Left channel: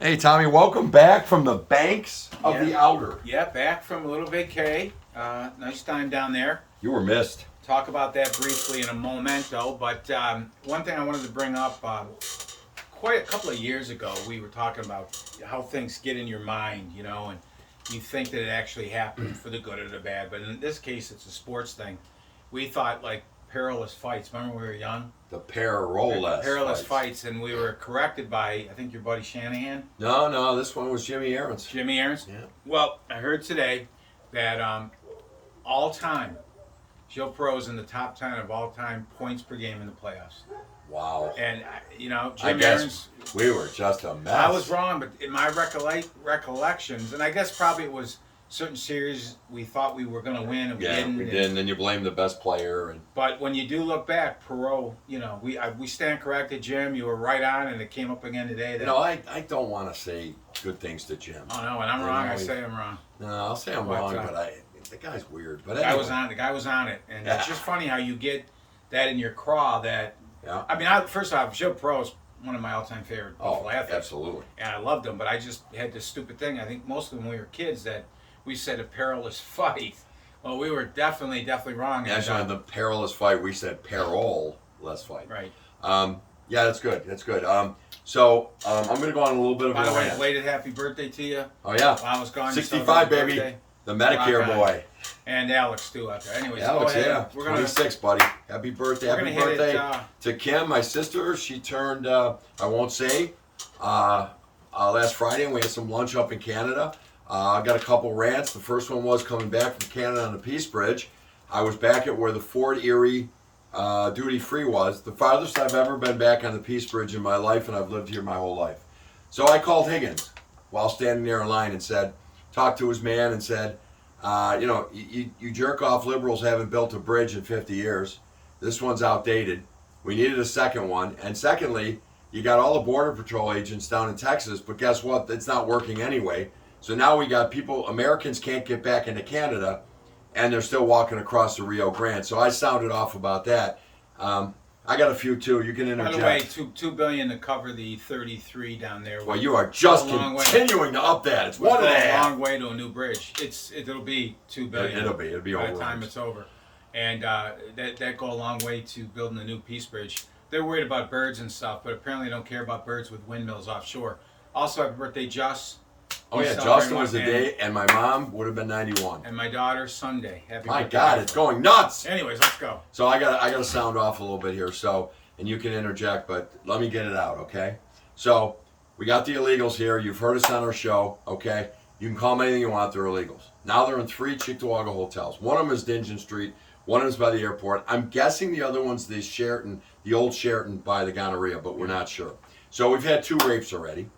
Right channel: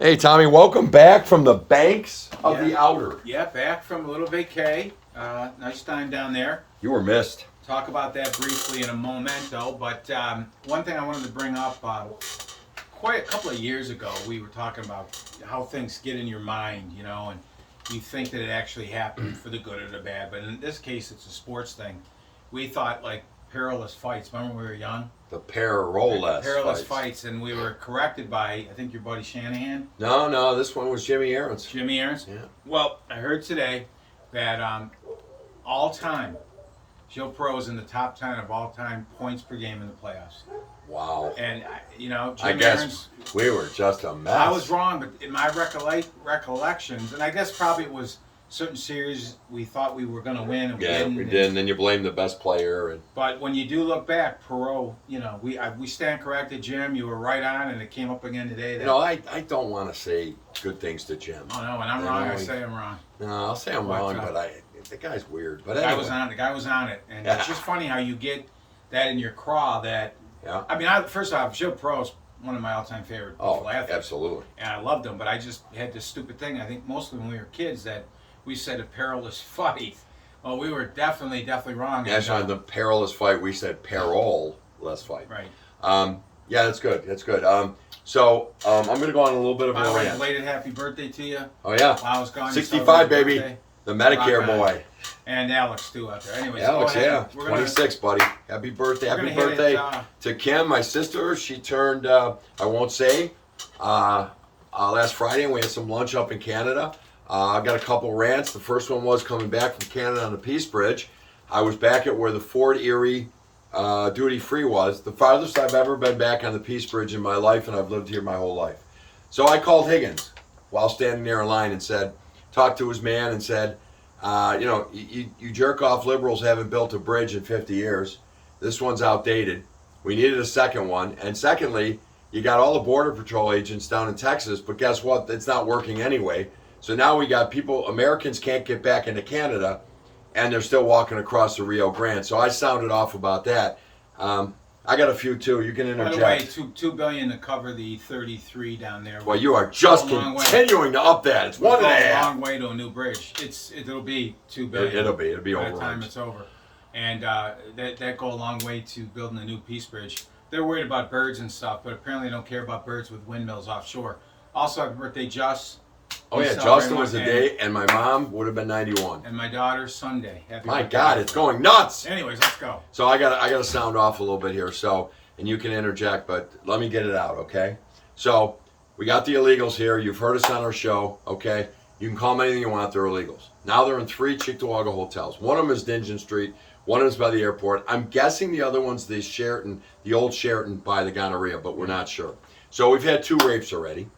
Hey, Tommy, welcome back from the banks of the outer. Yeah, back from a little vacay. Nice time down there. You were missed. Talk about that briefly in a momento. But one thing I wanted to bring up, quite a couple of years ago, we were talking about how things get in your mind, and you think that it actually happened for the good or the bad. But in this case, it's a sports thing. We thought like perilous fights. Remember when we were young? The perilous Fights, and we were corrected by, I think, your buddy Shanahan. No, this one was Jimmy Aaron's. Jimmy Aaron's? Yeah. Well, I heard today that all time, Joe Burrow's in the top 10 of all time points per game in the playoffs. Wow. And, I Jimmy guess Aaron's, we were just a mess. I was wrong, but in my recollections, and I guess probably it was certain series we thought we were going to win and we Yeah, didn't. we did, and then you blame the best player. But when you do look back, Perot, we stand corrected, Jim. You were right on, and it came up again today. That, I don't want to say good things to Jim. Oh, no, when I'm wrong, I say I'm wrong. No, I'll say I'm wrong, but the guy's weird. But the anyway. guy was on it. And it's just funny how you get that in your craw that, Yeah. I mean, first off, Joe Perot's one of my all-time favorite athletes. Absolutely. And I loved him, but I just had this stupid thing, I think mostly when we were kids, that we said a perilous fight. Well, we were definitely wrong. That's on the perilous fight. We said peril-less fight. Right. Yeah, that's good. That's good. So I'm going to go on a little bit of By a the way, rant. belated happy birthday to you. Oh, yeah. While I was gone. 65, baby. Birthday. The Medicare Rock on. boy. And Alex, too, out there. Anyways, Alex, go ahead. yeah. We're gonna, 26, buddy. Happy birthday. We're Happy gonna hit birthday it, to Kim, my sister. She turned, I won't say, last Friday, and we had some lunch up in Canada. I got a couple rants. The first one was coming back from Canada on the Peace Bridge. I was back at where the Fort Erie duty free was. The farthest I've ever been back on the Peace Bridge in my life, and I've lived here my whole life. So I called Higgins while standing there in line and talked to his man and said, you jerk off liberals haven't built a bridge in 50 years. This one's outdated. We needed a second one. And secondly, you got all the Border Patrol agents down in Texas, but guess what? It's not working anyway. So now we got Americans can't get back into Canada, and they're still walking across the Rio Grande. So I sounded off about that. I got a few too. You can interject. By the way, $2 billion to cover the 33 down there. Well, you are just continuing to up that. It's one and a half. A long way to a new bridge. It'll be $2 billion. It'll be by over the time it's over, and that go a long way to building a new Peace Bridge. They're worried about birds and stuff, but apparently they don't care about birds with windmills offshore. Also, happy birthday, Just. Oh yeah, Justin was the day, and my mom would have been 91. And my daughter Sunday. Happy My birthday. God, it's going nuts. Anyways, let's go. So I got to sound off a little bit here. So, and you can interject, but let me get it out, okay? So we got the illegals here. You've heard us on our show, okay? You can call them anything you want. They're illegals. Now they're in 3 Cheektowaga hotels. One of them is Dingeon Street. One of them is by the airport. I'm guessing the other one's the Sheraton, the old Sheraton by the Gonorrhea, but we're not sure. So we've had 2 rapes already.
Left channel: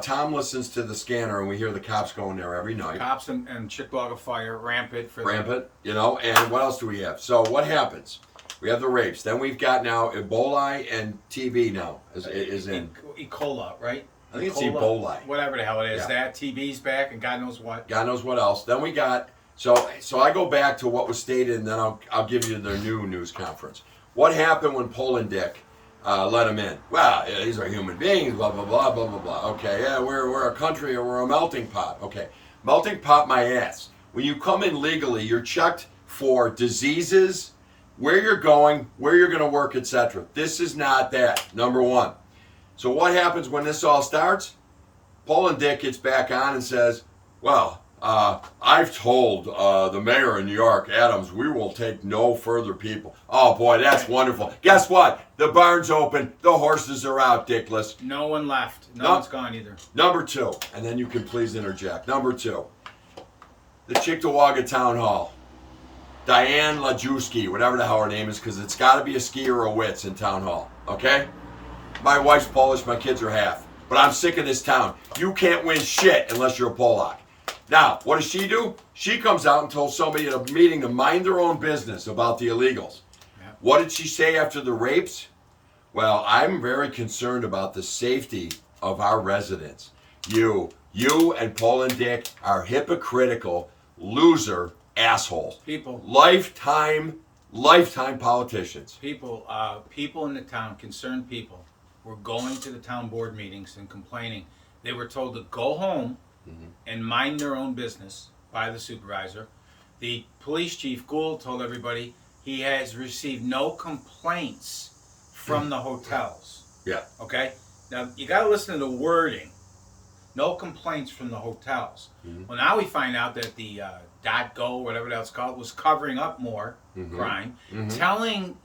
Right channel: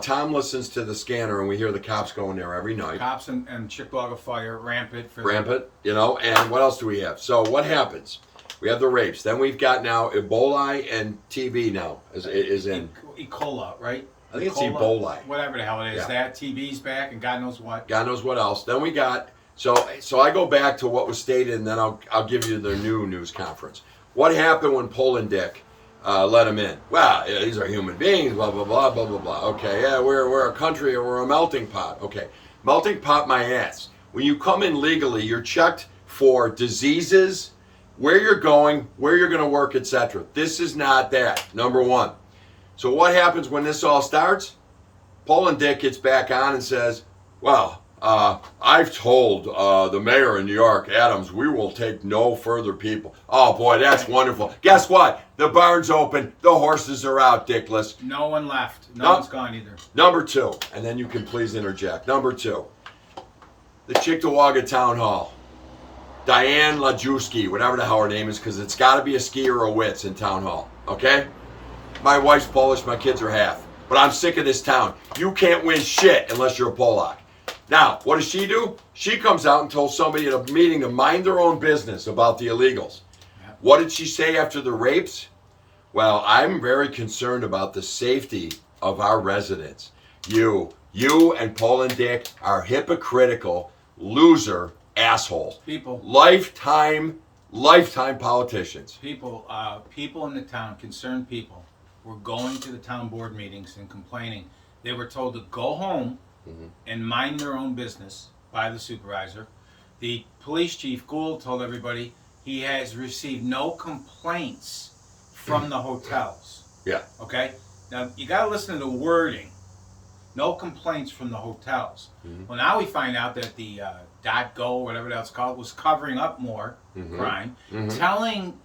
Tom listens to the scanner, and we hear the cops going there every night. Cops and Cheektowaga Fire, rampant. And what else do we have? So what happens? We have the rapes. Then we've got now Ebola and TB now is in. E. coli, right? I think it's Ebola. Whatever the hell it is. Yeah. That TB's back, and God knows what. God knows what else. Then we got, so I go back to what was stated, and then I'll give you the new news conference. What happened when Poland Dick let him in? Well, yeah, these are human beings, blah, blah, blah, blah, blah, blah. Okay, yeah, we're a country, or we're a melting pot. Okay, melting pot my ass. When you come in legally, you're checked for diseases, where you're going, where you're going to work, etc. This is not that, number one. So what happens when this all starts? Poland Dick gets back on and says, well, I've told the mayor in New York, Adams, we will take no further people. Oh, boy, that's wonderful. Guess what? The barn's open. The horses are out, Dickless. No one left. No one's gone either. Number 2, and then you can please interject. Number 2, the Cheektowaga Town Hall. Diane Lajewski, whatever the hell her name is, because it's got to be a ski or a wits in Town Hall, okay? My wife's Polish, my kids are half. But I'm sick of this town. You can't win shit unless you're a Polak. Now, what does she do? She comes out and told somebody at a meeting to mind their own business about the illegals. Yeah. What did she say after the rapes? Well, I'm very concerned about the safety of our residents. You and Poland Dick are hypocritical, loser assholes. People. Lifetime politicians. People in the town, concerned people, were going to the town board meetings and complaining They were told to go home Mhm. and mind their own business by the supervisor. The police chief, Gould, told everybody he has received no complaints from the hotels. Yeah. Okay? Now, you got to listen to the wording. No complaints from the hotels. Mhm. Well, now we find out that the .go, whatever that's called, was covering up more crime, telling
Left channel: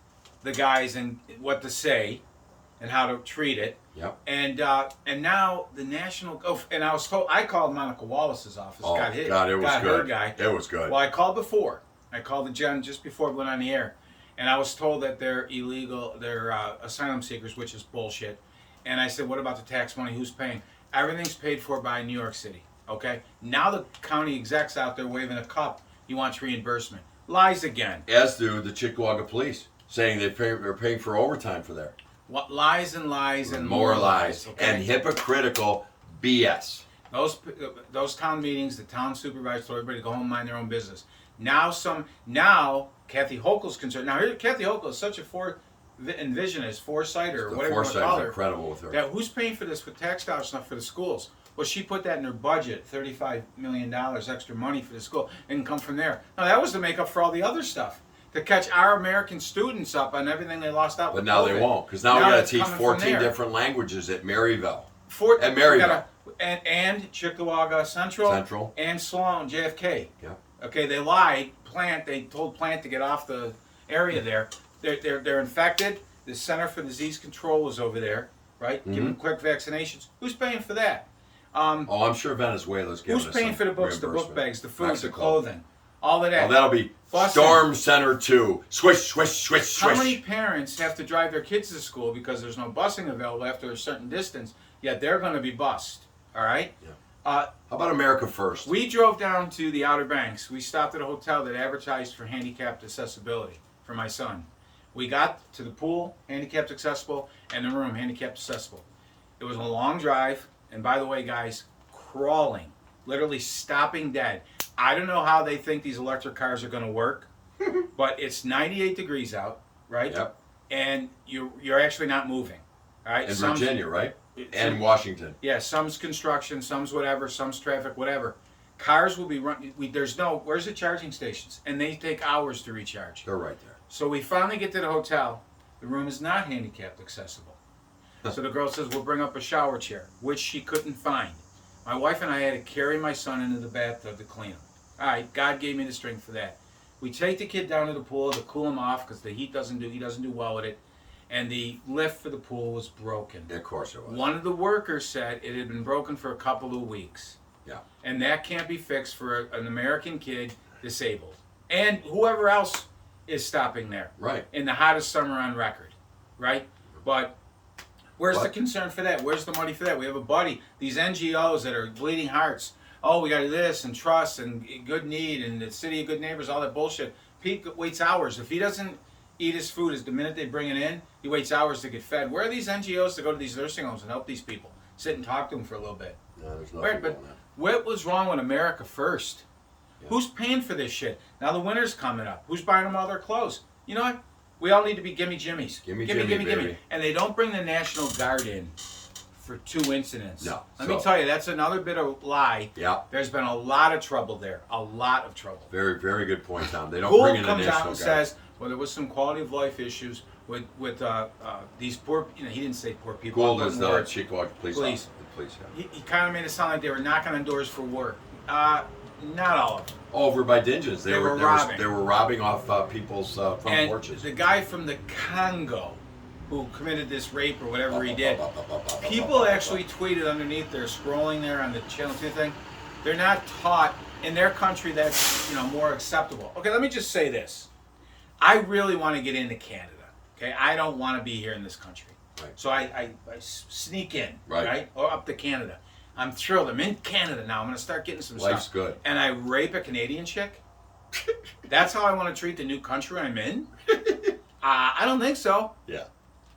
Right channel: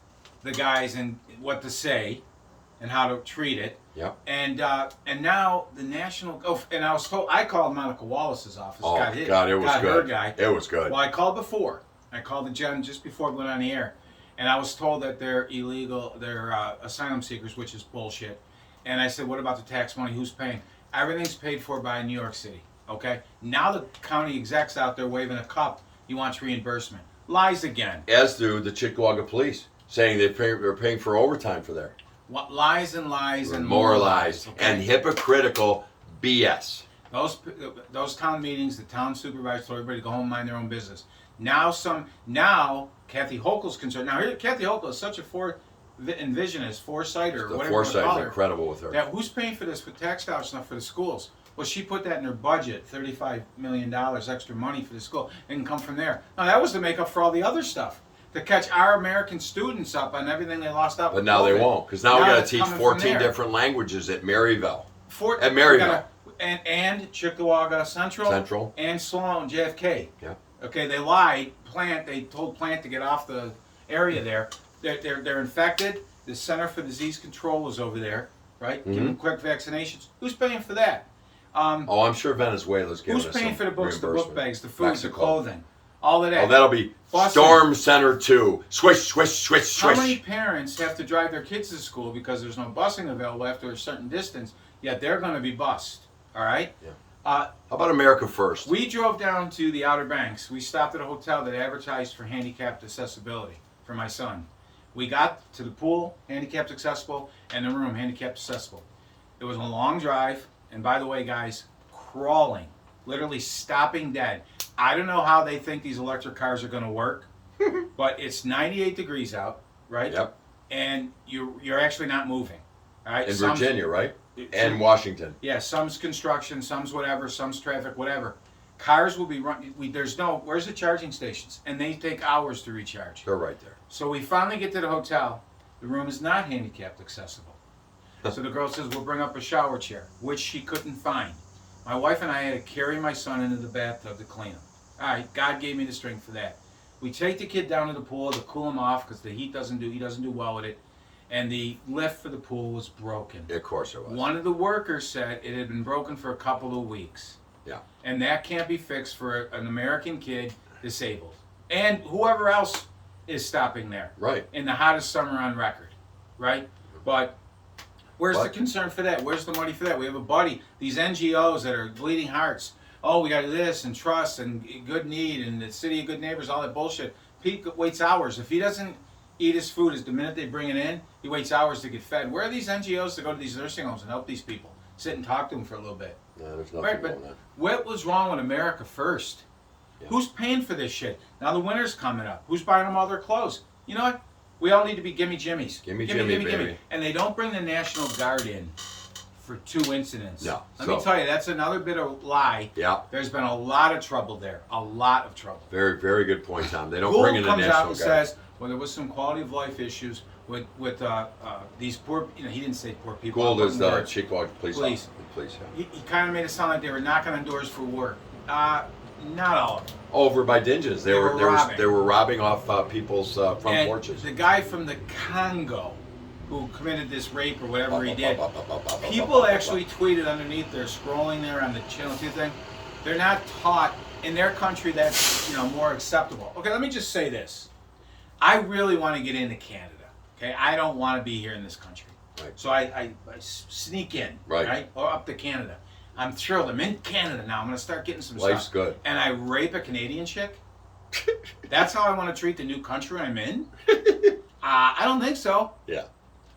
the guys and what to say and how to treat it. Yep. And now the national. Oh, and I was told I called Monica Wallace's office. Oh, got his, God, it was got good. her guy. It was good. Well, I called before. I called the gen just before I went on the air, and I was told that they're illegal. They're asylum seekers, which is bullshit. And I said, what about the tax money? Who's paying? Everything's paid for by New York City. Okay. Now the county execs out there waving a cup. He wants reimbursement. Lies again. As do the Chickamauga police, saying they're paying for overtime for there. What lies and lies and more lies okay? and hypocritical BS. Those town meetings, the town supervisor told everybody to go home and mind their own business. Now Kathy Hochul's concerned. Now here, Kathy Hochul is such a envisionist, foresighter, The whatever you want to foresight call is her. incredible with her. That who's paying for this for tax dollars stuff for the schools? Well, she put that in her budget, $35 million extra money for the school. It can come from there. No, that was to make up for all the other stuff. To catch our American students up on everything they lost out. But with now they COVID. won't, because now we got to it's teach coming from 14 there. different languages at Maryville. At We Maryville. and Chickamauga Central and Sloan JFK. Yeah. Okay, they lied. They told Plant to get off the area there. They're infected. The Center for Disease Control is over there, right? Give them quick vaccinations. Who's paying for that? Oh, I'm sure Venezuela's giving Who's us paying some for the books, the book reimbursement. bags, the food, Mexico. the clothing, all of that? Oh, that'll be Boston. Storm Center 2. Swish, swish, swish, swish. How many parents have to drive their kids to school because there's no busing available after a certain distance, yet they're going to be bused, all right? Yeah. Uh, How about America First? We drove down to the Outer Banks. We stopped at a hotel that advertised for handicapped accessibility for my son. We got to the pool, handicapped accessible, and the room, handicapped accessible. It was a long drive, and by the way, guys, crawling, literally stopping dead. I don't know how they think these electric cars are going to work, but it's 98 degrees out, right? Yep. And you're actually not moving, all right? In Virginia, right? And Washington. Yeah, some's construction, some's whatever, some's traffic, whatever. Cars will be running. Where's the charging stations? And they take hours to recharge. They're right there. So we finally get to the hotel. The room is not handicapped accessible. So the girl says, we'll bring up a shower chair, which she couldn't find. My wife and I had to carry my son into the bathtub to clean him. All right, God gave me the strength for that. We take the kid down to the pool to cool him off because the heat he doesn't do well with it. And the lift for the pool was broken. Of course it was. One of the workers said it had been broken for a couple of weeks. Yeah. And that can't be fixed for an American kid disabled. And whoever else is stopping there. Right. In the hottest summer on record. Right? But where's the concern for that? Where's the money for that? We have a buddy, these NGOs that are bleeding hearts. Oh, we got to do this and trust and good need and the city of good neighbors, all that bullshit. Pete waits hours. If he doesn't eat his food the minute they bring it in, he waits hours to get fed. Where are these NGOs to go to these nursing homes and help these people? Sit and talk to them for a little bit. No, there's nothing Right, going but on. what was wrong with America First? Yeah. Who's paying for this shit? Now the winter's coming up. Who's buying them all their clothes? You know what? We all need to be gimme jimmies. Gimme, baby. And they don't bring the National Guard in for 2 incidents. No. Let me tell you, that's another bit of lie. Yeah. There's been a lot of trouble there. A lot of trouble. Very, very good point, Tom. They don't Gould bring in the comes National out and Guard. says, well, there was some quality of life issues with these poor, he didn't say poor people. Gould I'm is putting the words. Chickamauga police. Police. Police, yeah. He kind of made it sound like they were knocking on doors for work. Not all of them. Over by Dinges. They were robbing. They were robbing off people's front And porches. the guy from the Congo who committed this rape or whatever he did, people actually tweeted underneath there, scrolling there on the Channel 2 thing, they're not taught in their country that's more acceptable. Okay, let me just say this. I really want to get into Canada. Okay, I don't want to be here in this country. Right. So I sneak in, Right. Or up to Canada. I'm thrilled. I'm in Canada now. I'm going to start getting some Life's stuff. good. And I rape a Canadian chick? That's how I want to treat the new country I'm in? I don't think so. Yeah.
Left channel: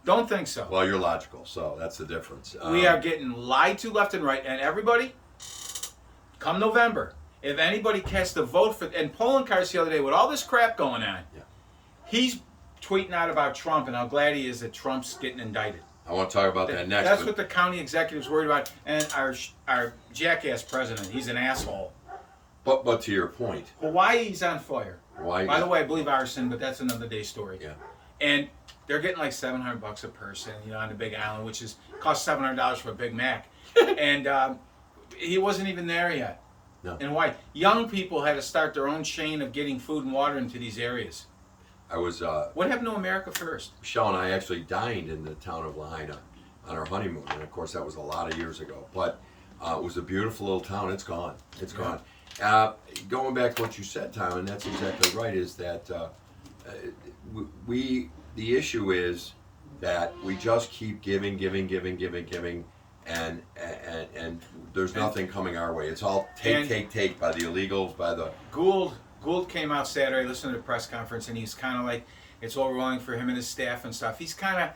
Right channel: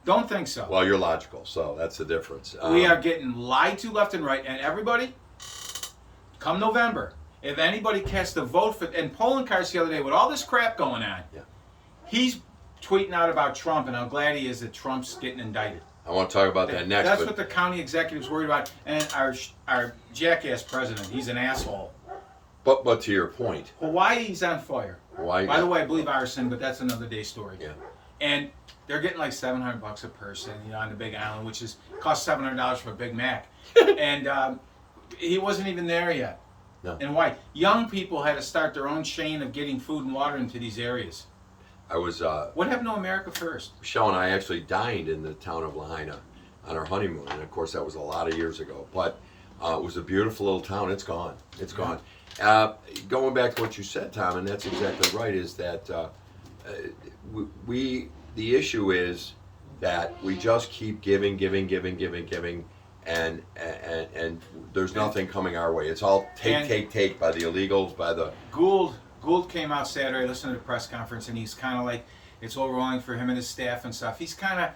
Don't think so. Well, you're logical, so that's the difference. We are getting lied to left and right. And everybody, come November, if anybody casts a vote for, and polling cards the other day with all this crap going on, Yeah. he's tweeting out about Trump and how glad he is that Trump's getting indicted. I want to talk about that next. That's but what the county executive's worried about. And our jackass president, he's an asshole. But to your point, Hawaii's on fire. Hawaii. By the way, I believe arson, but that's another day story. Yeah. And they're getting like $700 a person, on the Big Island, which costs $700 for a Big Mac. And he wasn't even there yet. No. And why? Young people had to start their own chain of getting food and water into these areas. I was. What happened to America First? Michelle and I actually dined in the town of Lahaina on our honeymoon, and of course that was a lot of years ago. But it was a beautiful little town. It's gone. It's gone. Going back to what you said, Tom, and that's exactly right. Is that the issue is that we just keep giving, and there's nothing coming our way. It's all take by the illegals, by the Gould came out Saturday, listened to the press conference, and he's kind of like, it's all rolling for him and his staff and stuff. He's kind of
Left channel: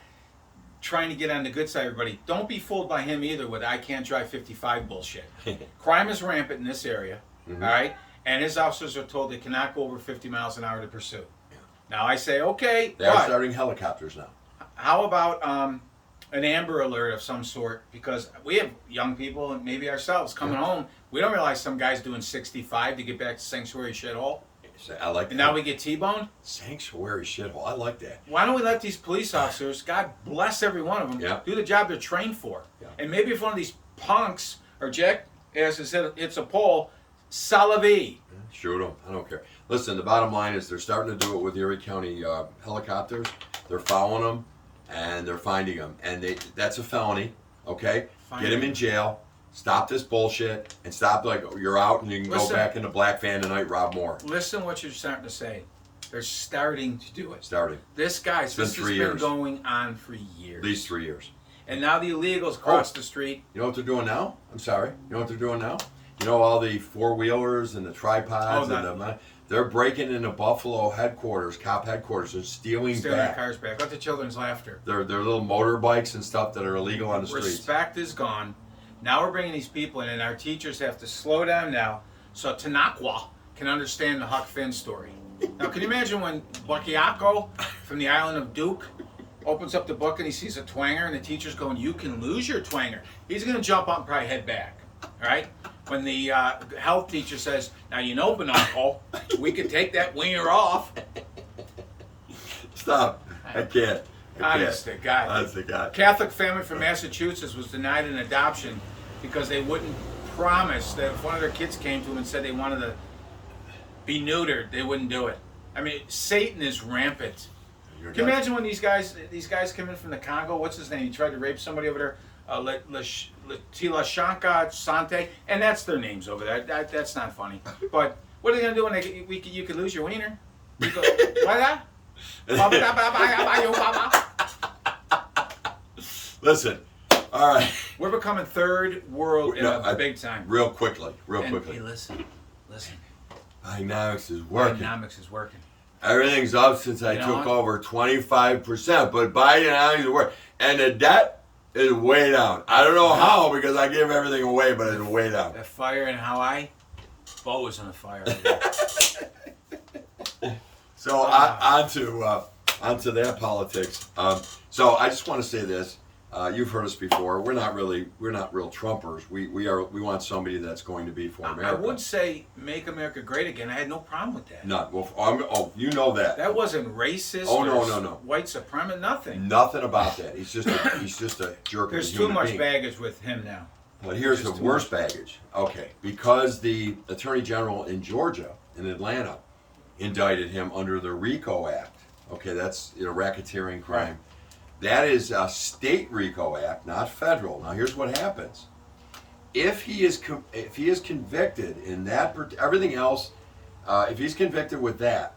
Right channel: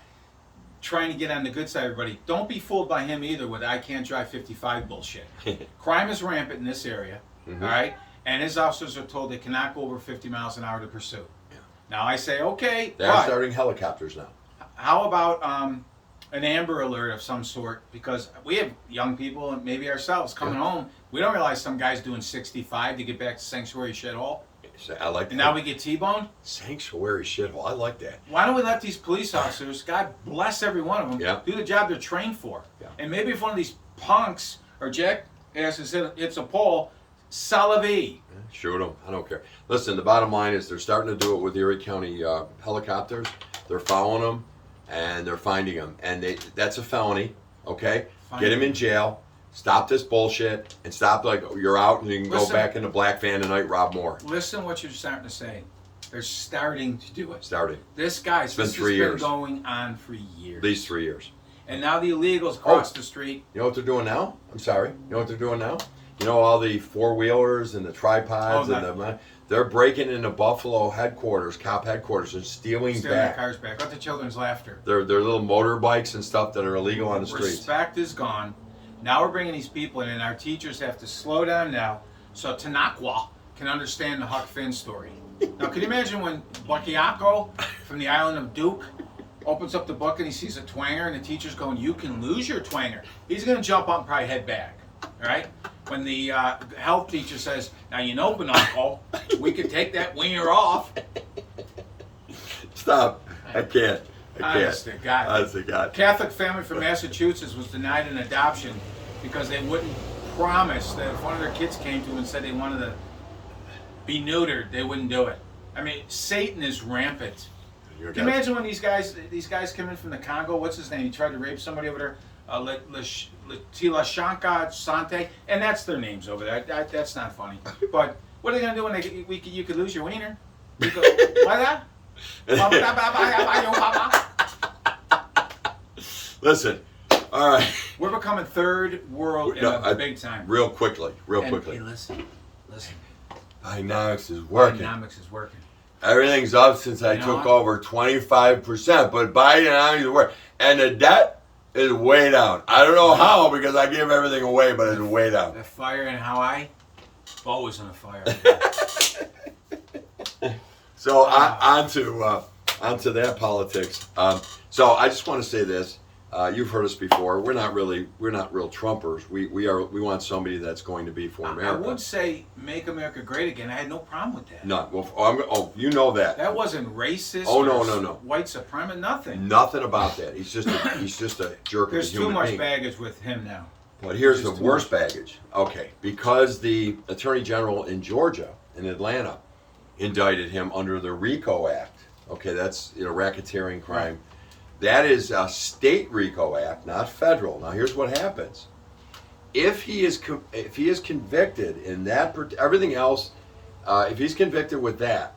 trying to get on the good side of everybody. Don't be fooled by him either with I can't drive 55 bullshit. Crime is rampant in this area, all right? And his officers are told they cannot go over 50 miles an hour to pursue. Yeah. Now I say, okay, they're starting helicopters now. How about an Amber Alert of some sort? Because we have young people and maybe ourselves coming home. We don't realize some guy's doing 65 to get back to Sanctuary Shithole. I like that. And now we get T-boned? Sanctuary Shithole. I like that. Why don't we let these police officers, God bless every one of them, do the job they're trained for? Yeah. And maybe if one of these punks or jackasses hits a pole, salivee. Shoot them. I don't care. Listen, the bottom line is they're starting to do it with Erie County helicopters. They're following them, and they're finding them. And that's a felony, okay? Get them in jail. Stop this bullshit and stop you're out and you can go back in the black van tonight, rob more. Listen what you're starting to say. They're starting to do it. This has been going on for years. At least 3 years. And now the illegals cross the street. You know what they're doing now? I'm sorry. You know what they're doing now? You know all the four-wheelers and the tripods they're breaking into Buffalo headquarters, cop headquarters, and stealing their cars back. Let the children's laughter. They're little motorbikes and stuff that are illegal on the streets. Respect is gone. Now we're bringing these people in, and our teachers have to slow down now so Tanakwa can understand the Huck Finn story. Now, can you imagine when Buckiaco from the island of Duke opens up the book and he sees a twanger, and the teacher's going, "You can lose your twanger." He's going to jump up and probably head back. All right? When the health teacher says, "Now, Bononko, we could take that wiener off." Stop. I can't. Honest to God. Honest to God. Catholic family from Massachusetts was denied an adoption because they wouldn't promise that if one of their kids came to them and said they wanted to be neutered, they wouldn't do it. I mean, Satan is rampant. Can you imagine when these guys come in from the Congo? What's his name? He tried to rape somebody over there. Tila Shanka Sante, and that's their names over there. That's not funny. But what are they gonna do when you could lose your wiener? You go, why that? Listen, all right. We're becoming third world big time. Real quickly. Hey, listen. Bidenomics is working. Bidenomics is working. Everything's up since I took over 25%, but Bidenomics is working. And the debt is way down. I don't know how because I give everything away, but it's way down. The fire in Hawaii, always on a fire. So on to that politics. So I just want to say this. You've heard us before. We're not real Trumpers. We want somebody that's going to be for America. I would say make America great again. I had no problem with that. None. Well, you know that. That wasn't racist. Oh no. White supremacist. Nothing. Nothing about that. He's just a jerk. There's too much baggage with him now. But here's the worst baggage. Okay, because the Attorney General in Georgia, in Atlanta, indicted him under the RICO Act. Okay, that's racketeering crime. Right. That is a state RICO Act, not federal. Now, here's what happens: if he is convicted in that, everything else, if he's convicted with that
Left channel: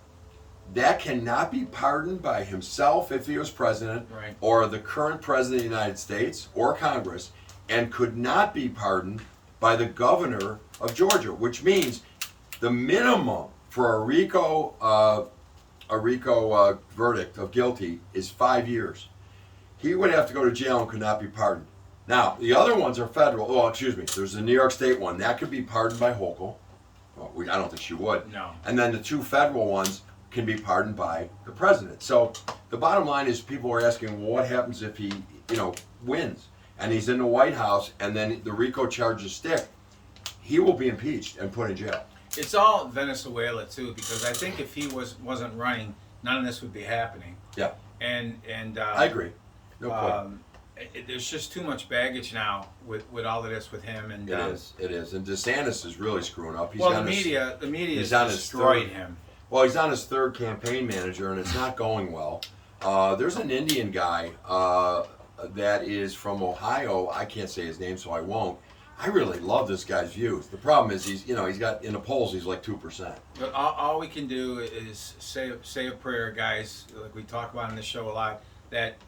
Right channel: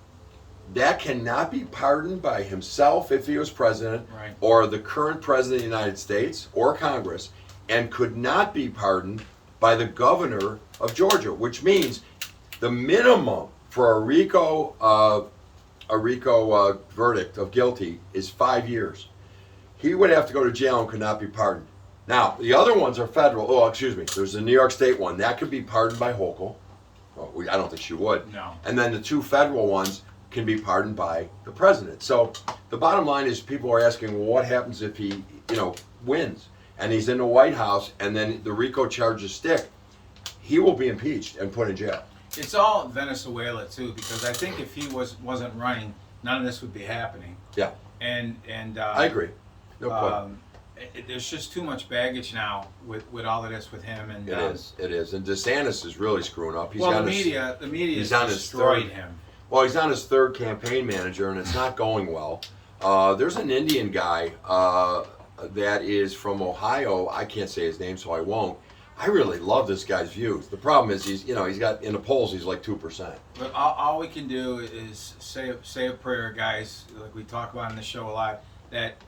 cannot be pardoned by himself if he was president, or the current president of the United States or Congress, and could not be pardoned by the governor of Georgia. Which means the minimum for a RICO verdict of guilty is 5 years. He would have to go to jail and could not be pardoned. Now, the other ones are federal. Oh, excuse me. There's the New York State one. That could be pardoned by Hochul. Well, I don't think she would. No. And then the two federal ones, can be pardoned by the president. So the bottom line is, people are asking, well, what happens if he, wins and he's in the White House and then the RICO charges stick? He will be impeached and put in jail. It's all Venezuela too, because I think if he wasn't running, none of this would be happening. Yeah, And I agree. No question. There's just too much baggage now with all of this with him. And It is. And DeSantis is really screwing up. the media he's has on his destroyed third- him. Well, he's on his third campaign manager, and it's not going well. There's an Indian guy that is from Ohio. I can't say his name, so I won't. I really love this guy's views. The problem is he's got, in the polls, he's like 2%. But all we can do is say a prayer, guys, like we talk about in the show a lot, that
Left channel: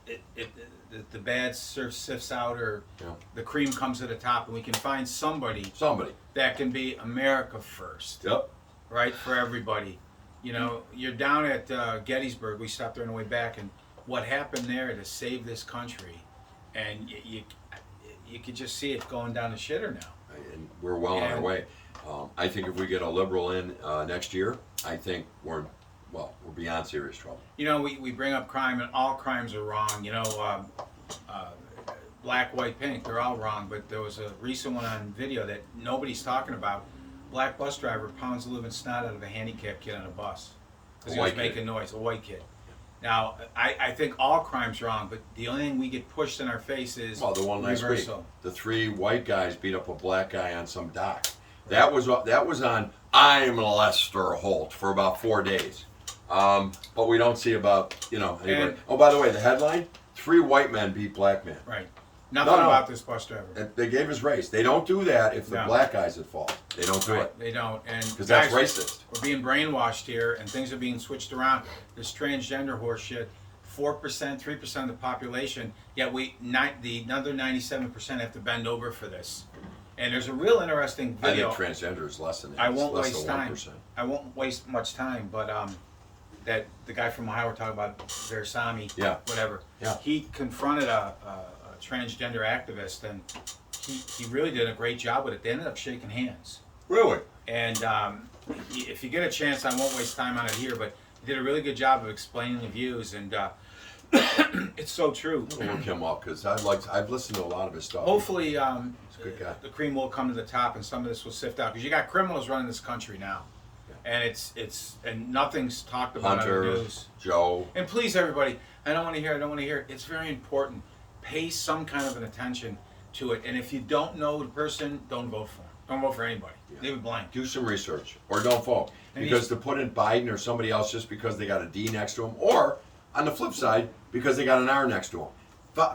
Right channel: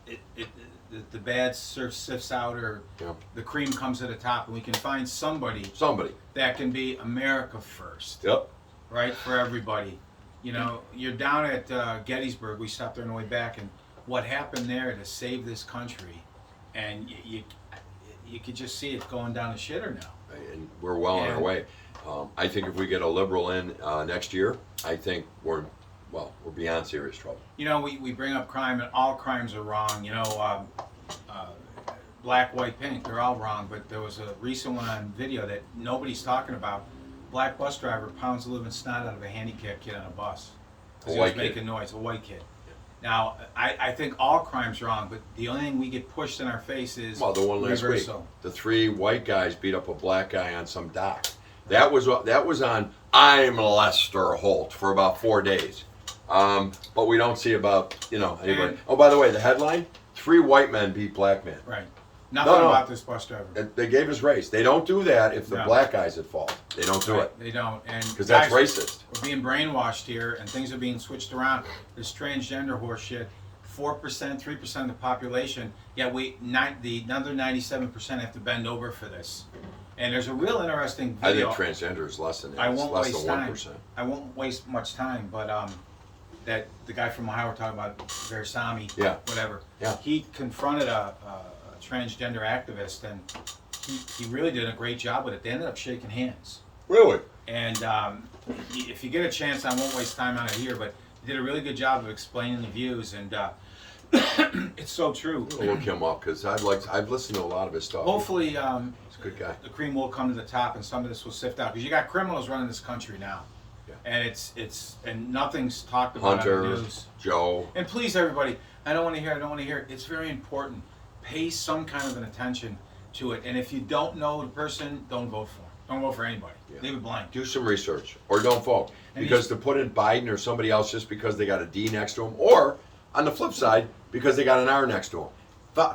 the bad sifts out, or the cream comes to the top, and we can find somebody that can be America first. Yep. Right, for everybody. You're down at Gettysburg. We stopped there on the way back, and what happened there to save this country, and you could just see it going down the shitter now. And we're well on our way. I think if we get a liberal in next year, I think we're beyond serious trouble. We bring up crime, and all crimes are wrong. Black, white, pink, they're all wrong. But there was a recent one on video that nobody's talking about. Black bus driver pounds the living snot out of a handicapped kid on a bus because he was making noise. A white kid. Now, I think all crimes are wrong, but the only thing we get pushed in our face is the one last reversal. week. The 3 white guys beat up a black guy on some dock. That was on I'm Lester Holt for about 4 days. But we don't see about anybody. Oh, by the way, the headline: 3 white men beat black men. Right. Nothing about this bus driver. They gave his race. They don't do that if the black guy's at fault. They don't do it. They don't, and because that's racist. We're being brainwashed here, and things are being switched around. This transgender horse shit. 4%, 3% of the population. Yet the other 97% have to bend over for this. And there's a real interesting video. I think transgender is less than that. I won't waste waste time. I won't waste much time, but that the guy from Ohio we're talking about, Versami, whatever. Yeah. He confronted a transgender activist, and he really did a great job with it. They ended up shaking hands. Really? And if you get a chance, I won't waste time on it here, but he did a really good job of explaining the views, and it's so true. I'll look him up because I've listened to a lot of his stuff. Hopefully, he's a good guy. The cream will come to the top, and some of this will sift out, because you got criminals running this country now, and and nothing's talked about Hunter, on the news. Joe, and please, everybody, I don't want to hear it. It's very important. Pay some kind of an attention to it, and if you don't know the person, don't vote for him. Don't vote for anybody. Leave it blank. do some research or don't vote, because to put in Biden or somebody else just because they got a D next to him, or on the flip side because they got an R next to him,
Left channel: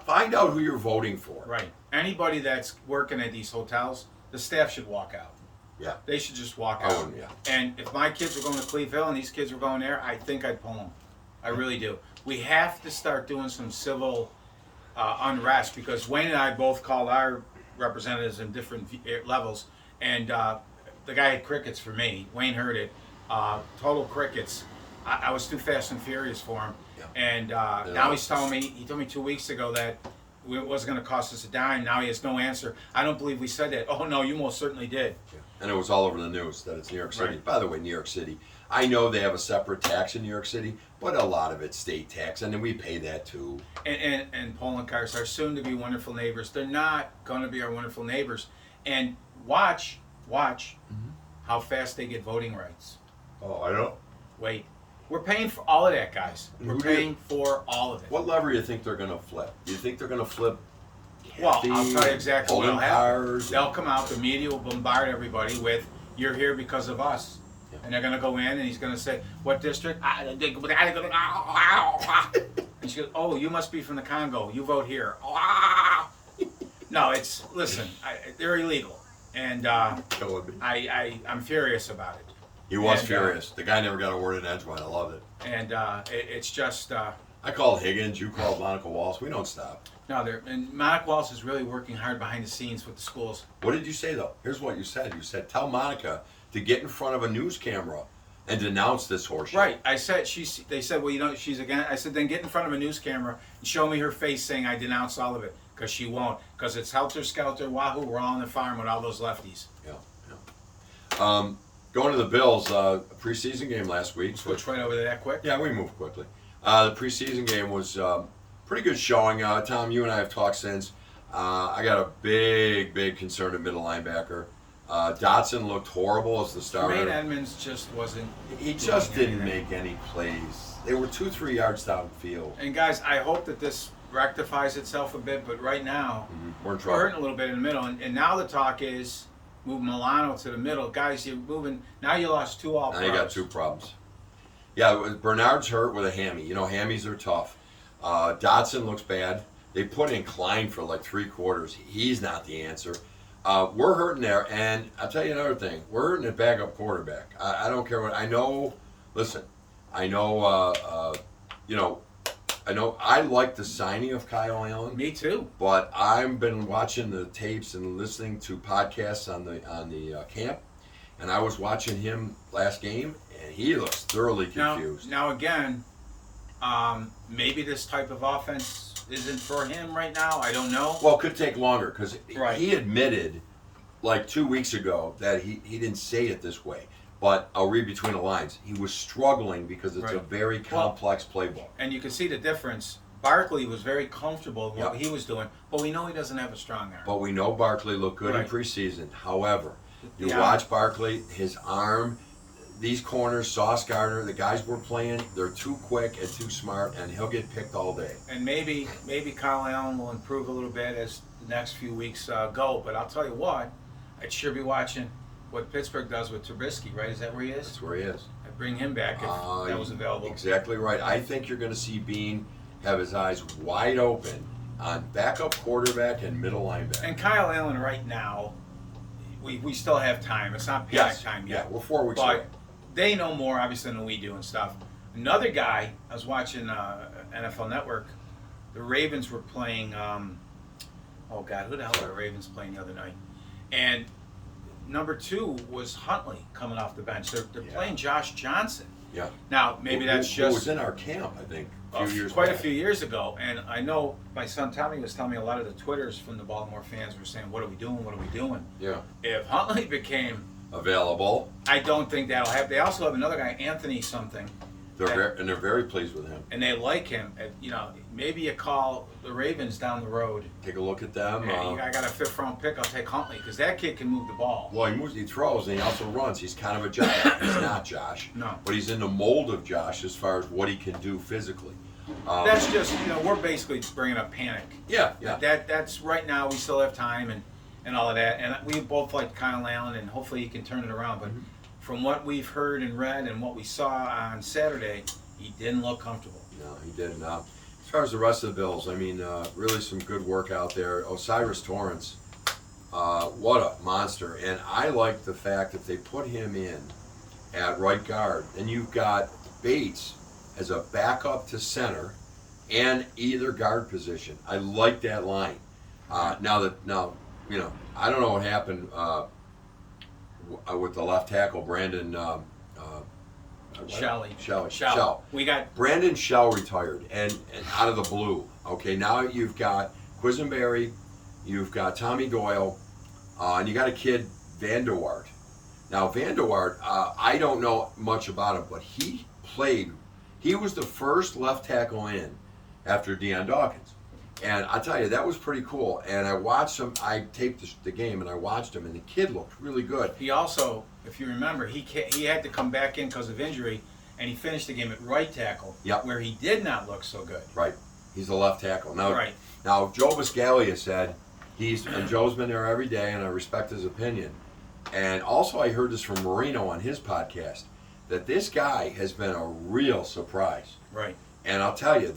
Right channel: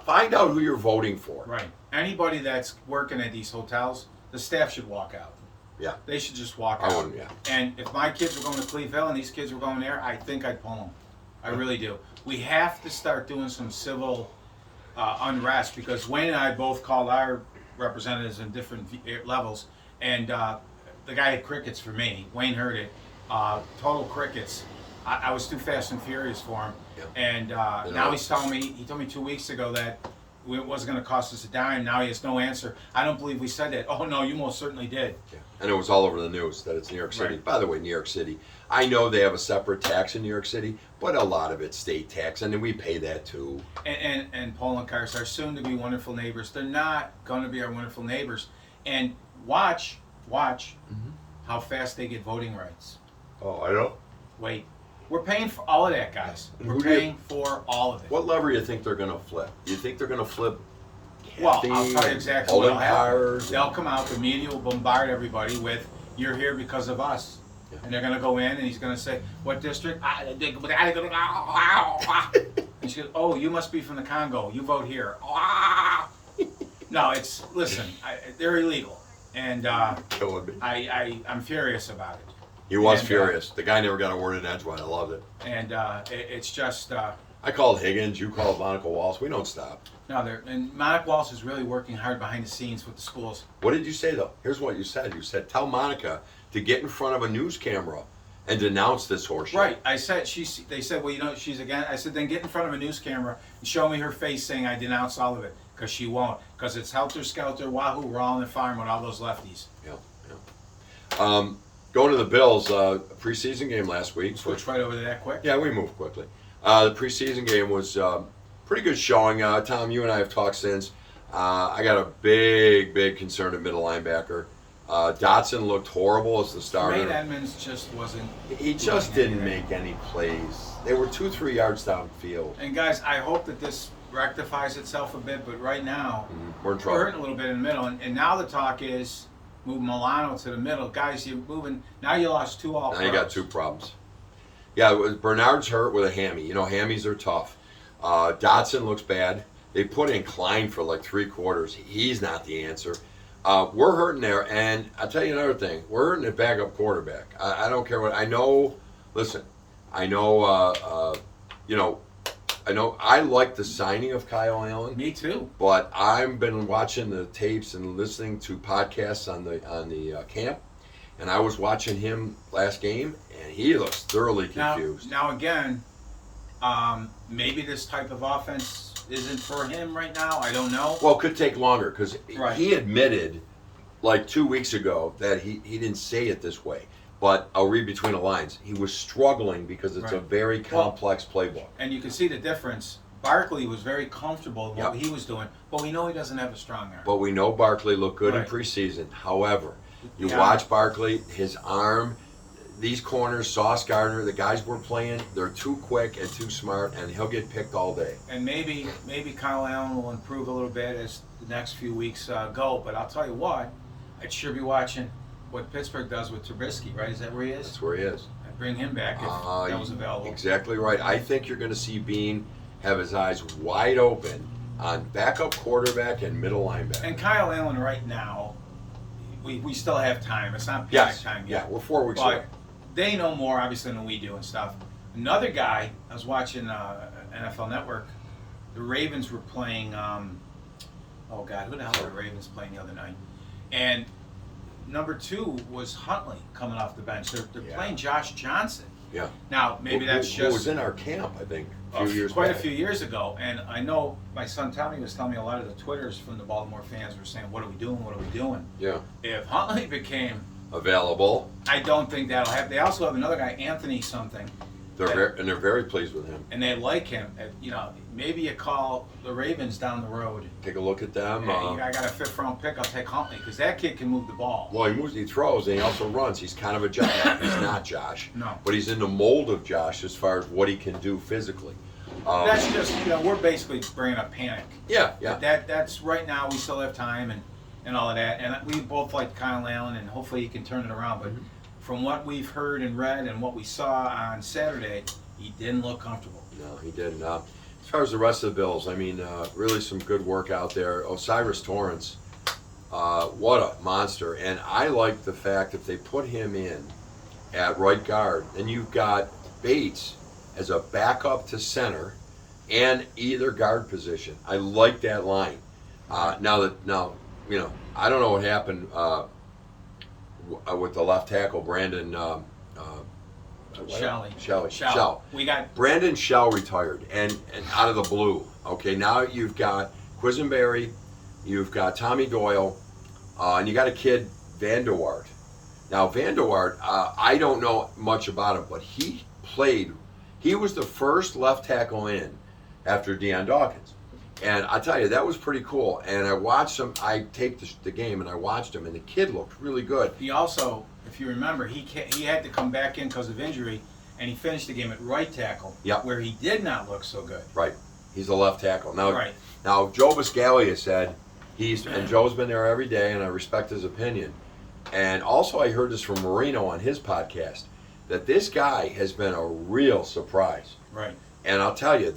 find out who you're voting for. Right. Anybody that's working at these hotels, the staff should walk out. Yeah. They should just walk out. wouldn't. Yeah. And if my kids were going to Cleveland and these kids were going there, I think I'd pull them. I really do. We have to start doing some civil unrest, because Wayne and I both called our representatives in different levels, and the guy had crickets for me. Wayne heard it. Total crickets. I was too fast and furious for him. And now he's telling me, he told me 2 weeks ago that it wasn't going to cost us a dime. Now he has no answer. I don't believe we said that. Oh, no, you most certainly did. Yeah. And it was all over the news that it's New York City. Right. By the way, New York City, I know they have a separate tax in New York City, but a lot of it's state tax, and then we pay that too. And Paul and Kars, our soon-to-be wonderful neighbors, they're not going to be our wonderful neighbors. And watch how fast they get voting rights. Oh, I don't. Wait. We're paying for all of that, guys. We're paying for all of it. What lever do you think they're going to flip? Do you think they're going to flip? Well, I'll tell you exactly what'll happen. Cars? They'll come out, the media will bombard everybody with, "You're here because of us." Yeah. And they're going to go in, and he's going to say, "What district?" And she goes, "Oh, you must be from the Congo. You vote here." No, listen, they're illegal. And Killing me. I'm furious about it. He was furious. The guy never got a word in edgewise. I loved it. And it's just... I called Higgins. You called Monica Wallace. We don't stop. No, and Monica Wallace is really working hard behind the scenes with the schools. What did you say, though? Here's what you said. You said, tell Monica to get in front of a news camera and denounce this horseshit. Right. I said, they said, well, she's again. I said, then get in front of a news camera and show me her face saying I denounce all of it. Because she won't. Because it's helter-skelter, wahoo, we're all on the farm with all those lefties. Yeah. Going to the Bills, preseason game last week. Switch right over to that quick. Yeah, we moved quickly. The preseason game was pretty good showing. Tom, you and I have talked since. I got a big concern at middle linebacker. Dotson looked horrible as the starter. Tremaine Edmonds just wasn't. He just didn't anything. make any plays. They were 2-3 yards downfield. And guys, I hope that this rectifies itself a bit. But right now, We're in we're trouble. hurting a little bit in the middle. And now the talk is move Milano to the middle. Guys, you're moving. Now you lost two all. Now you got two problems. Yeah, Bernard's hurt with a hammy. You know, hammies are tough. Dotson looks bad. They put in Klein for like 3 quarters. He's not the answer. We're hurting there, and I'll tell you another thing. We're hurting at backup quarterback. I don't care what. I know. Listen, I know. I know. I like the signing of Kyle Allen. Me too. But I've been watching the tapes and listening to podcasts on the camp, and I was watching him last game, and he looks thoroughly confused. Now again, maybe this type of offense isn't for him right now. I don't know. Well, it could take longer because Right. he admitted like 2 weeks ago that he didn't say it this way. But I'll read between the lines. He was struggling because it's a Right. very complex playbook. And you can see the difference. Barkley was very comfortable in what Yeah. he was doing, but we know he doesn't have a strong arm. But we know Barkley looked good in Right. preseason. However, you Yeah. watch Barkley, his arm, these corners, Sauce Gardner, the guys we're playing, they're too quick and too smart, and he'll get picked all day. And maybe Kyle Allen will improve a little bit as the next few weeks go. But I'll tell you what, I'd sure be watching what Pittsburgh does with Trubisky, right? Is that where he is? That's where he is. I'd bring him back if that was available. Exactly right. I think you're going to see Bean have his eyes wide open on backup quarterback and middle linebacker. And Kyle Allen right now, we still have time. It's not panic Yes. time Yeah, yet. we're 4 weeks away. But they know more, obviously, than we do and stuff. Another guy, I was watching NFL Network. The Ravens were playing, oh, God, who the hell are the Ravens playing the other night? And number 2 was Huntley coming off the bench. They're Yeah. playing Josh Johnson. Yeah. Now, maybe that's Who just was in our camp, I think, a few years quite back. a few years ago. And I know my son Tommy was telling me a lot of the Twitters from the Baltimore fans were saying, what are we doing? What are we doing? Yeah. If Huntley became, Available. I don't think that'll happen. They also have another guy, Anthony something, They're very pleased with him. and they like him. Maybe you call the Ravens down the road. Take a look at them. Hey, I got a 5th round pick. I'll take Huntley because that kid can move the ball. Well, he moves, he throws, and he also runs. He's kind of a Josh. He's not Josh. No. But he's in the mold of Josh as far as what he can do physically. That's just we're basically bringing up panic. Yeah. That's right now. We still have time and all of that. And we both like Kyle Allen, and hopefully he can turn it around. But from what we've heard and read and what we saw on Saturday, he didn't look comfortable. No, he didn't. As far as the rest of the Bills, I mean, really some good work out there. Osiris Torrance, what a monster. And I like the fact that they put him in at right guard. And you've got Bates as a backup to center and either guard position. I like that line. Now, I don't know what happened with the left tackle, Brandon. Shell. We got Brandon Shell retired, and out of the blue. Okay, now you've got Quisenberry, you've got Tommy Doyle, and you got a kid, Van der Waart. Now, Van der Waart, I don't know much about him, but he was the first left tackle in after Deion Dawkins. And I tell you, that was pretty cool. And I watched him, I taped the game, and I watched him, and the kid looked really good. He also, if you remember, he had to come back in because of injury, and he finished the game at right tackle, where he did not look so good. Right. He's a left tackle. Now, Right. Now Joe Buscaglia said, and Joe's been there every day, and I respect his opinion. And also I heard this from Marino on his podcast, that this guy has been a real surprise. Right. And I'll tell you,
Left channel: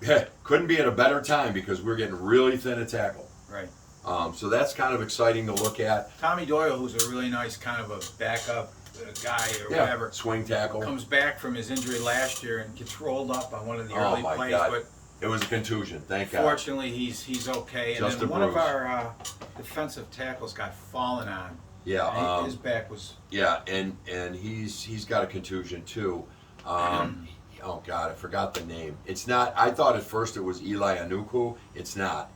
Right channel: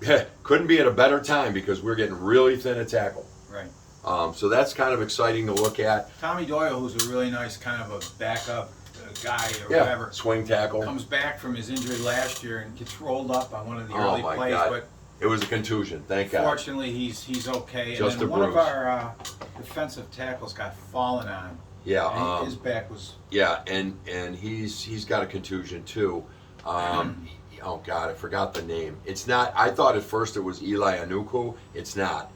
that couldn't be at a better time because we're getting really thin at tackle. Right. So that's kind of exciting to look at. Tommy Doyle, who's a really nice kind of a backup guy or whatever, Swing tackle. comes back from his injury last year and gets rolled up on one of the Oh, early my plays. God. But It was a contusion, thank God. fortunately, he's okay. Just and then a one of bruise. our defensive tackles got fallen on. Yeah. And his back was. Yeah, and he's got a contusion too. Oh God, I forgot the name. It's not. I thought at first it was Eli Anuku. It's not.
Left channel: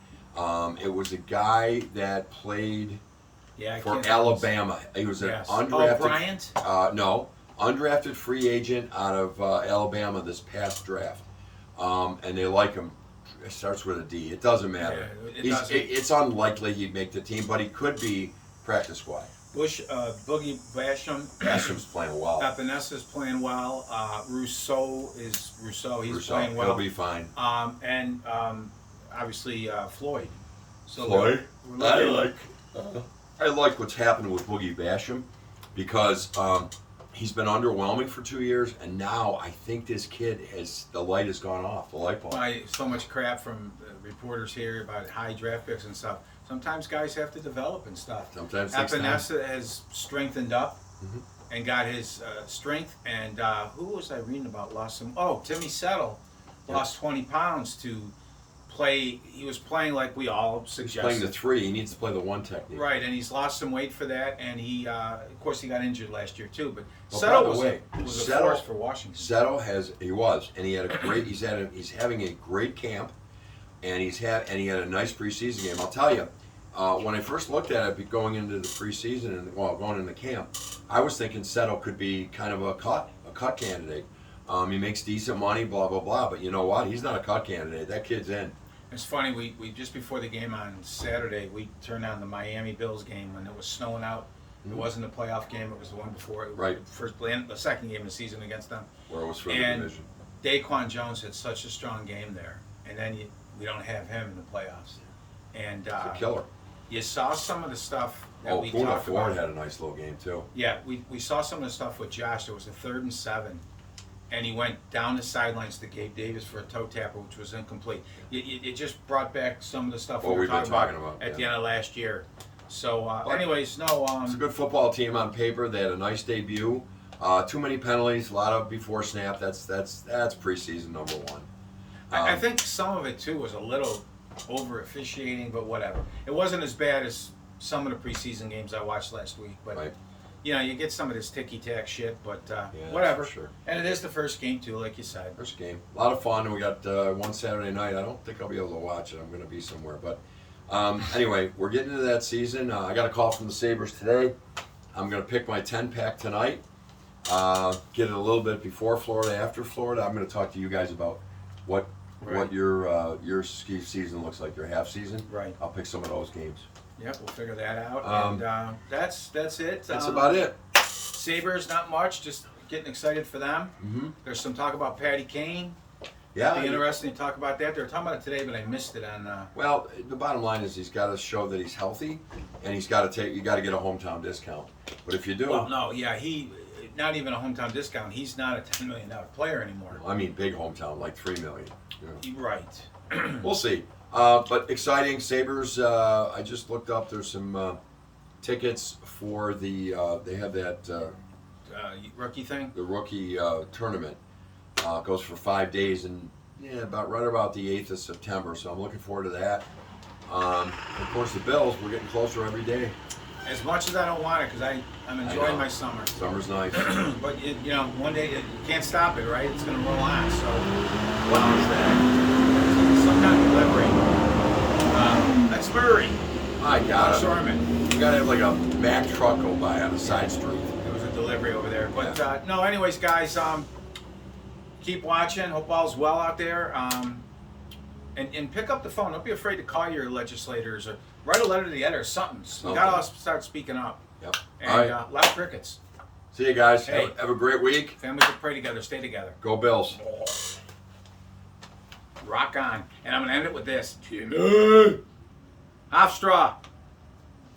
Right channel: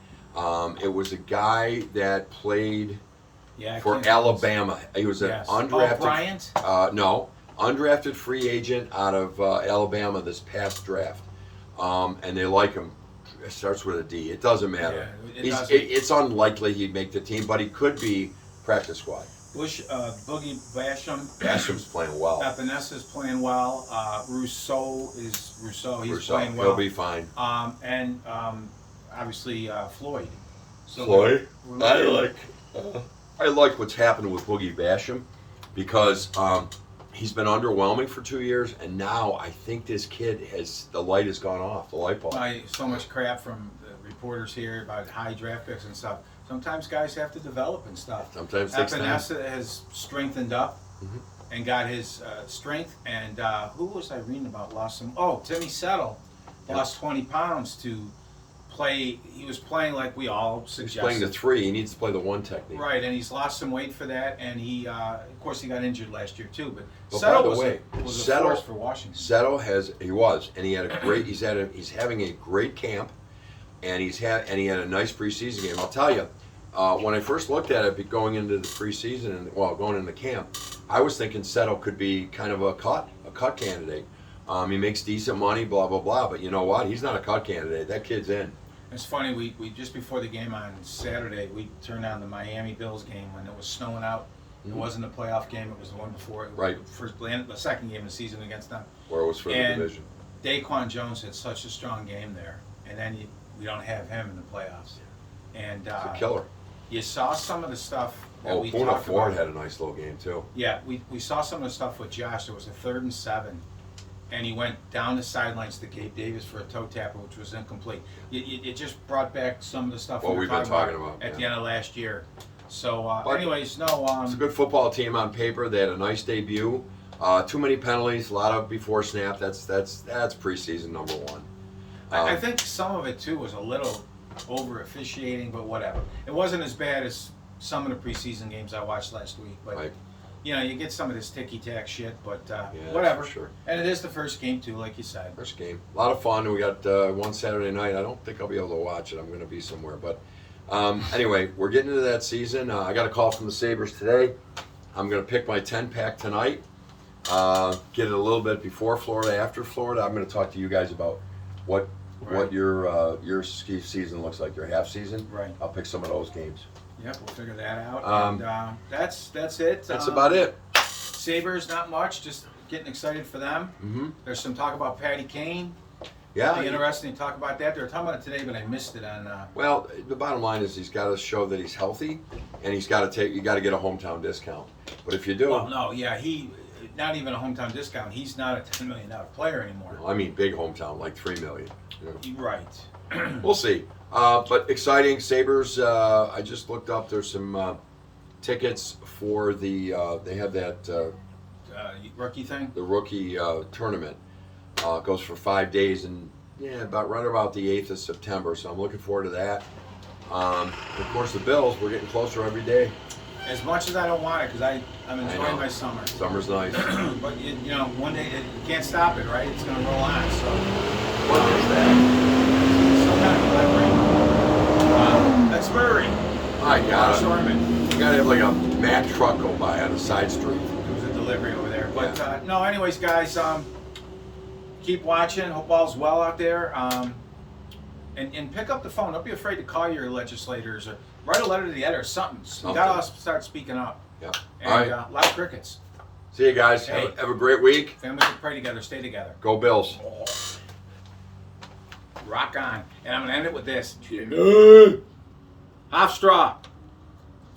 It was a guy that played Yeah, I for can't- Alabama. He was an Yes. undrafted. Oh, Bryant? No, undrafted free agent out of Alabama this past draft, and they like him. It starts with a D. It doesn't matter. Yeah, it doesn't. It's unlikely he'd make the team, but he could be practice squad. Boogie Basham. Basham's playing well. Epinessa's playing well. Rousseau. He's Rousseau, playing well. He'll be fine. And obviously Floyd. So Floyd? we're looking- I like what's happened with Boogie Basham because he's been underwhelming for 2 years, and now I think this kid the light has gone off, the light bulb. So much crap from reporters here about high draft picks and stuff. Sometimes guys have to develop and stuff. Sometimes it takes time. Epinesa has strengthened up Mhm. and got his strength. And who was I reading about? Lost some. Oh, Timmy Settle lost 20 pounds to play. He was playing like we all He's suggested. playing the 3. He needs to play the 1 technique. Right, and he's lost some weight for that, and he, of course, he got injured last year too. But But Settle by the was, way, was a Settle- force for Washington. Settle and he had a great. He's having a great camp, and he had a nice preseason game. I'll tell you, when I first looked at it going into the preseason and going into camp, I was thinking Settle could be kind of a cut candidate. He makes decent money, blah blah blah. But you know what? He's not a cut candidate. That kid's in. It's funny, we just before the game on Saturday, we turned on the Miami Bills game when it was snowing out. It wasn't a playoff game; it was the one before. It was Right. the second game of the season against them. Where it was for the And division. Daquan Jones had such a strong game there, and then we don't have him in the playoffs. And It's a killer. you saw some of the stuff that Oh, we Puna talked Ford about. had a nice little game too. Yeah, we saw some of the stuff with Josh. There was a 3rd and 7, and he went down the sidelines to Gabe Davis for a toe tapper, which was incomplete. It just brought back some of the stuff What we were we've been talking talking about about, at the yeah. end of last year. So, But anyways, no. It's a good football team on paper. They had a nice debut. Too many penalties, a lot of before snap. That's preseason number 1. I think some of it too was a little over officiating, but whatever. It wasn't as bad as some of the preseason games I watched last week, but. Right. You know, you get some of this ticky-tack shit, but that's whatever. for sure. And it is the first game, too, like you said. First game, a lot of fun. We got one Saturday night. I don't think I'll be able to watch it. I'm going to be somewhere, but anyway, we're getting into that season. I got a call from the Sabres today. I'm going to pick my 10-pack tonight. Get it a little bit before Florida, after Florida. I'm going to talk to you guys about what your ski season looks like, your half season. Right. I'll pick some of those games. Yep, we'll figure that out. Um, and that's it. That's about it. Sabres, not much. Just getting excited for them. Mm-hmm. There's some talk about Patty Kane. Yeah. Be interesting to talk about that. They were talking about it today, but I missed it on. Well, the bottom line is he's got to show that he's healthy, and you got to get a hometown discount. But if you do, Well, no, yeah, he not even a hometown discount. He's not a $10 million player anymore. I mean big hometown, like $3 million. You know. Right. We'll see. But exciting Sabres. I just looked up. There's some tickets for the. They have that Rookie thing. the rookie tournament. Goes for 5 days and right about the 8th of September. So I'm looking forward to that. And of course the Bills. We're getting closer every day. As much as I don't want it, because I'm enjoying know. my summer. Summer's nice. But you know, one day you can't stop it, right? It's gonna roll on. So What is that? some kind of delivery. That's Murray. My God. Shortman. You gotta have like a Mack truck go by on a side street. It was a delivery over there. But Yeah. no, anyways, guys, keep watching. Hope all's well out there. And pick up the phone. Don't be afraid to call your legislators or write a letter to the editor or something. We gotta start speaking up. Yep. And All right. a lot of crickets. See you guys. Hey. Have a great week. Families that pray together, stay together. Go Bills. Rock on. And I'm gonna end it with this. Half straw.